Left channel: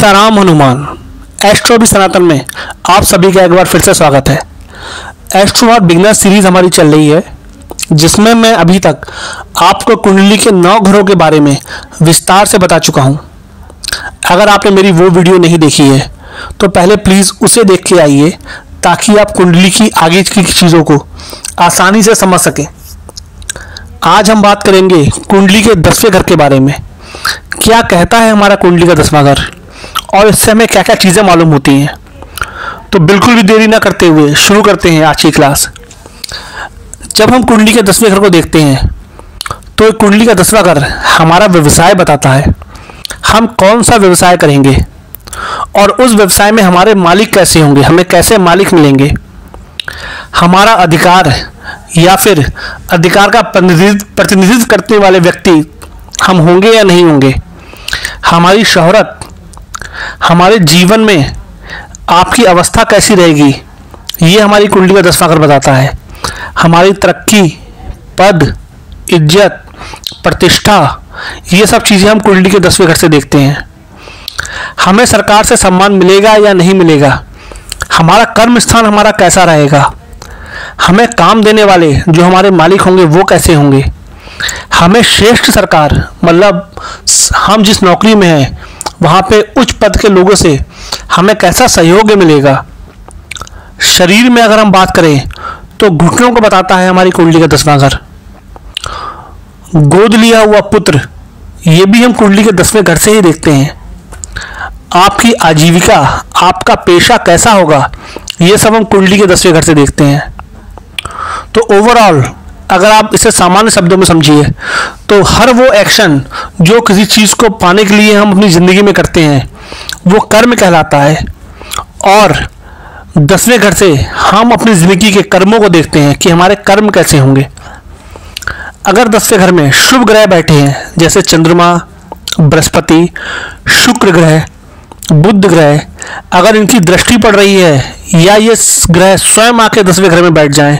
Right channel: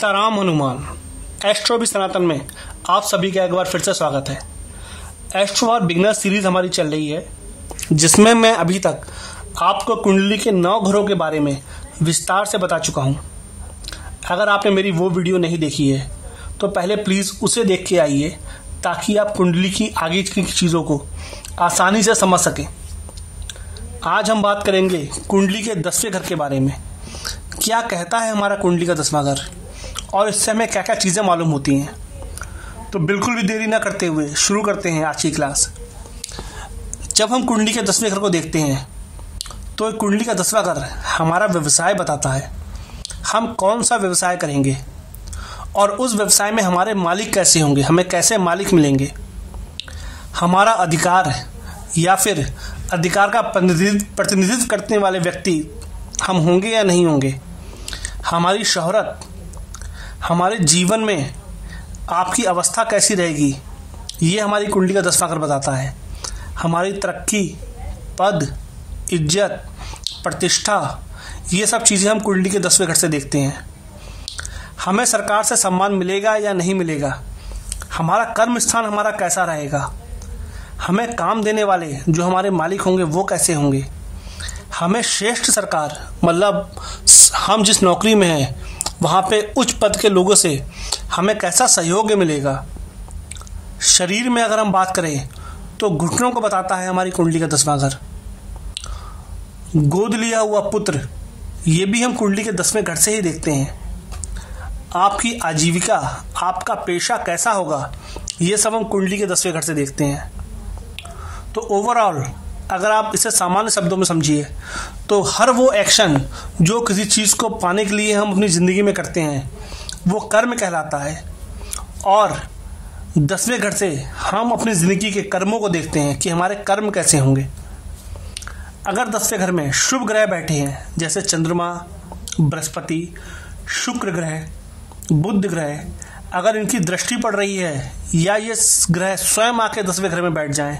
Sitaram Hanuman astro भी सनातन में आप सभी का एक बार फिर से स्वागत है। एस्ट्रो और बिगनर सीरीज हमारी चल रही है, जिसमें मैं अभी तक आपको कुंडली के 9 घरों के बारे में विस्तार से बता चुका हूं। अगर आपने मेरी वो वीडियो नहीं देखी है तो पहले प्लीज़ उसे देख के आइए, ताकि आप कुंडली की आगे की चीज़ों को आसानी से समझ सकें। आज हम बात करेंगे कुंडली के 10वें घर के बारे में। क्या कहता है हमारा कुंडली का 10वां घर और इससे हमें क्या क्या चीज़ें मालूम होती हैं। तो बिल्कुल भी देरी ना करते हुए शुरू करते हैं आज की क्लास। जब हम कुंडली के 10वें घर को देखते हैं तो कुंडली का 10वां घर हमारा व्यवसाय बताता है। हम कौन सा व्यवसाय करेंगे और उस व्यवसाय में हमारे मालिक कैसे होंगे, हमें कैसे मालिक मिलेंगे, हमारा अधिकार या फिर अधिकार का प्रतिनिधित्व करने वाले व्यक्ति हम होंगे या नहीं होंगे, हमारी शोहरत, हमारे जीवन में आपकी अवस्था कैसी रहेगी, ये हमारी कुंडली का 10वां घर बताता है। हमारी तरक्की, पद, इज्जत, प्रतिष्ठा, ये सब चीज़ें हम कुंडली के 10वें घर से देखते हैं। हमें सरकार से सम्मान मिलेगा या नहीं मिलेगा, हमारा कर्म स्थान हमारा कैसा रहेगा, हमें काम देने वाले जो हमारे मालिक होंगे वो कैसे होंगे, हमें श्रेष्ठ सरकार मतलब हम जिस नौकरी में हैं वहाँ पे उच्च पद के लोगों से हमें कैसा सहयोग मिलेगा। शरीर में अगर हम बात करें तो घुटनों को बताता है हमारी कुंडली का 10वां घर। गोद लिया हुआ पुत्र, ये भी हम कुंडली के 10वें घर से ही देखते हैं। आपकी आजीविका, आपका पेशा कैसा होगा, ये सब हम कुंडली के 10वें घर से देखते हैं। तो ओवरऑल अगर आप इसे सामान्य शब्दों में समझिए तो हर वो एक्शन जो किसी चीज़ को पाने के लिए हम अपनी ज़िंदगी में करते हैं वो कर्म कहलाता है। और 10वें घर से हम अपनी ज़िंदगी के कर्मों को देखते हैं कि हमारे कर्म कैसे होंगे। अगर 10वें घर में शुभ ग्रह बैठे हैं जैसे चंद्रमा, बृहस्पति, शुक्र ग्रह, बुध ग्रह, अगर इनकी दृष्टि पड़ रही है या ये ग्रह स्वयं आके 10वें घर में बैठ जाएं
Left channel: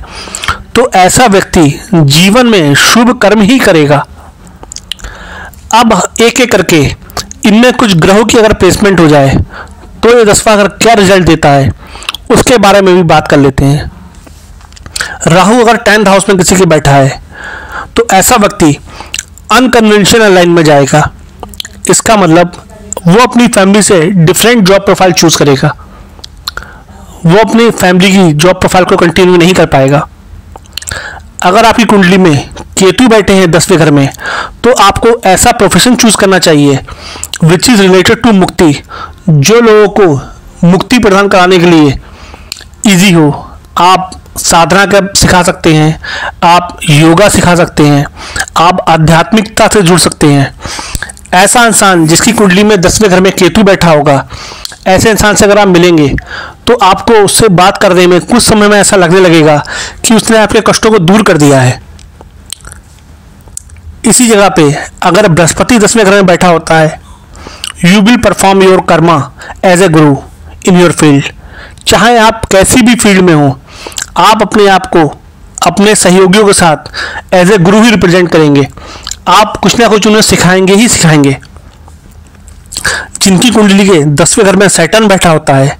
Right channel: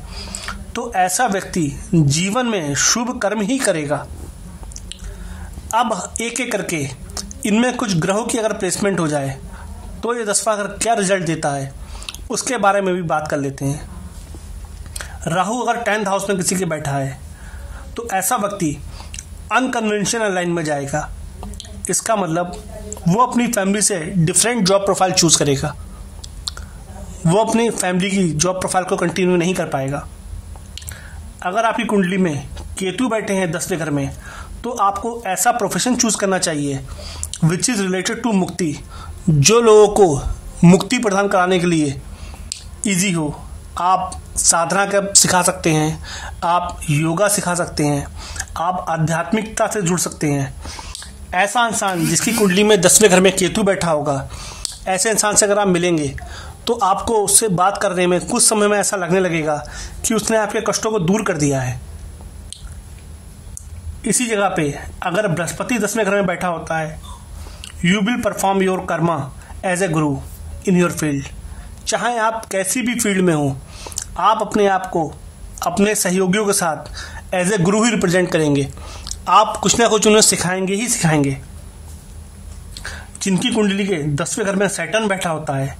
तो ऐसा व्यक्ति जीवन में शुभ कर्म ही करेगा। अब एक एक करके इनमें कुछ ग्रहों की अगर प्लेसमेंट हो जाए तो ये 10वां घर क्या रिजल्ट देता है उसके बारे में भी बात कर लेते हैं। राहु अगर 10th हाउस में किसी के बैठा है तो ऐसा व्यक्ति अनकन्वेंशनल लाइन में जाएगा। इसका मतलब वो अपनी फैमिली से डिफरेंट जॉब प्रोफाइल चूज करेगा, वो अपनी फैमिली की जॉब प्रोफाइल को कंटिन्यू नहीं कर पाएगा। अगर आपकी कुंडली में केतु बैठे हैं 10वें घर में तो आपको ऐसा प्रोफेशन चूज करना चाहिए विच इज़ रिलेटेड टू मुक्ति, जो लोगों को मुक्ति प्रदान कराने के लिए इजी हो। आप साधना का सिखा सकते हैं, आप योगा सिखा सकते हैं, आप आध्यात्मिकता से जुड़ सकते हैं। ऐसा इंसान जिसकी कुंडली में 10वें घर में केतु बैठा होगा, ऐसे इंसान से अगर आप मिलेंगे तो आपको उससे बात करने में कुछ समय में ऐसा लगने लगेगा कि उसने आपके कष्टों को दूर कर दिया है। इसी जगह पे अगर बृहस्पति 10वें घर में बैठा होता है, you will perform your karma as a guru in your field. चाहे आप कैसी भी फील्ड में हो, आप अपने आप को अपने सहयोगियों के साथ as a Guru he represent करेंगे। आप कुछ ना कुछ उन्हें सिखाएंगे ही सिखाएंगे। जिनकी कुंडली के 10वें घर में सैटर्न बैठा होता है,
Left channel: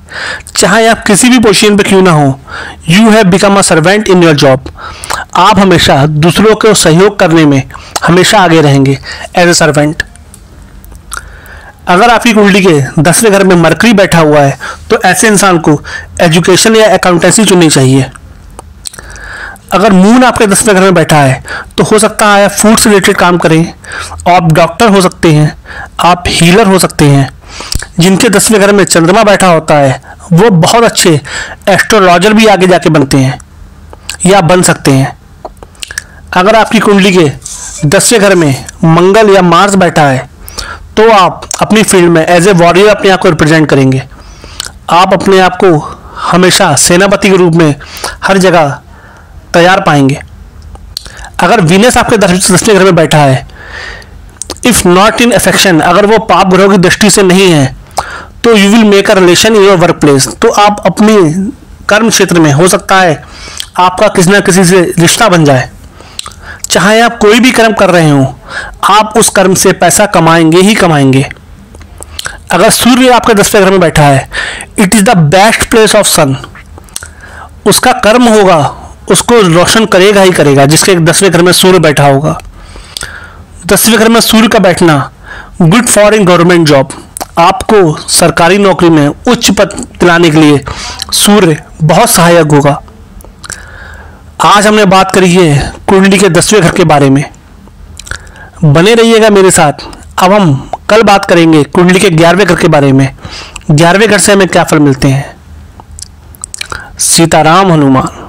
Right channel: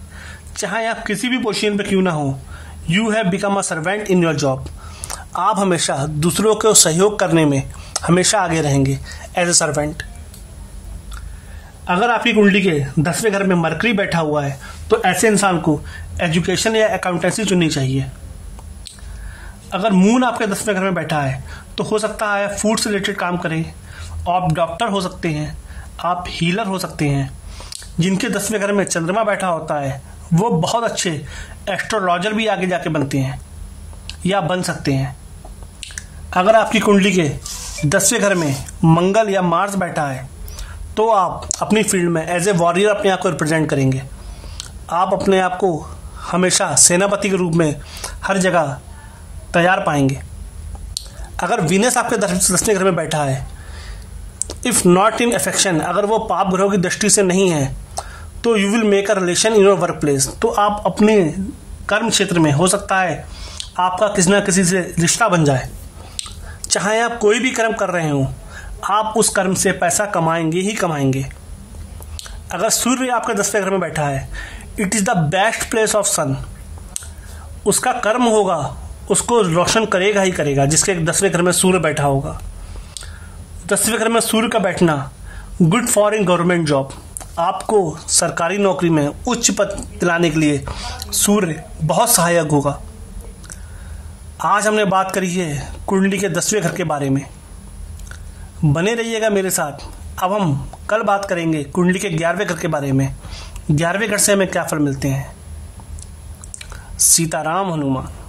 चाहे आप किसी भी पोजीशन पे क्यों ना हो, you have become a servant in your job. आप हमेशा दूसरों को सहयोग करने में हमेशा आगे रहेंगे एज ए सर्वेंट। अगर आपकी कुंडली के 10वें घर में मरकरी बैठा हुआ है तो ऐसे इंसान को एजुकेशन या अकाउंटेंसी चुननी चाहिए। अगर मून आपके 10वें घर में बैठा है तो हो सकता है आप फूड से रिलेटेड काम करें, आप डॉक्टर हो सकते हैं, आप हीलर हो सकते हैं। जिनके 10वें घर में चंद्रमा बैठा होता है वो बहुत अच्छे एस्ट्रोलॉजर भी आगे जाके बनते हैं या बन सकते हैं। अगर आपकी कुंडली के 10वें घर में मंगल या मार्स बैठा है तो आप अपनी फील्ड में एज ए वॉरियर अपने आप को रिप्रेजेंट करेंगे। आप अपने आप को हमेशा सेनापति के रूप में हर जगह तैयार पाएंगे। अगर वीनस आपके 10वें घर में बैठा है, इफ नॉट इन अफेक्शन, अगर वो पाप ग्रहों की दृष्टि से नहीं है तो you will make a relation in your work place. तो आप अपने कर्म क्षेत्र में हो सकता है आपका किसी न किसी से रिश्ता बन जाए। चाहे आप कोई भी कर्म कर रहे हो, आप उस कर्म से पैसा कमाएंगे ही कमाएंगे। अगर सूर्य आपके 10वें घर में बैठा है, it is the best place of sun. उसका कर्म होगा, उसको रोशन करेगा ही करेगा जिसके 10वें घर में सूर्य बैठा होगा। 10वें घर में सूर्य का बैठना good for in government job. आपको सरकारी नौकरी में उच्च पद दिलाने के लिए सूर्य बहुत सहायक होगा। आज हमने बात करी है कुंडली के 10वें घर के बारे में। बने रहिएगा मेरे साथ। अब हम कल बात करेंगे कुंडली के 11वें घर के बारे में। 11वें घर से हमें क्या फल मिलते हैं। सीताराम हनुमान।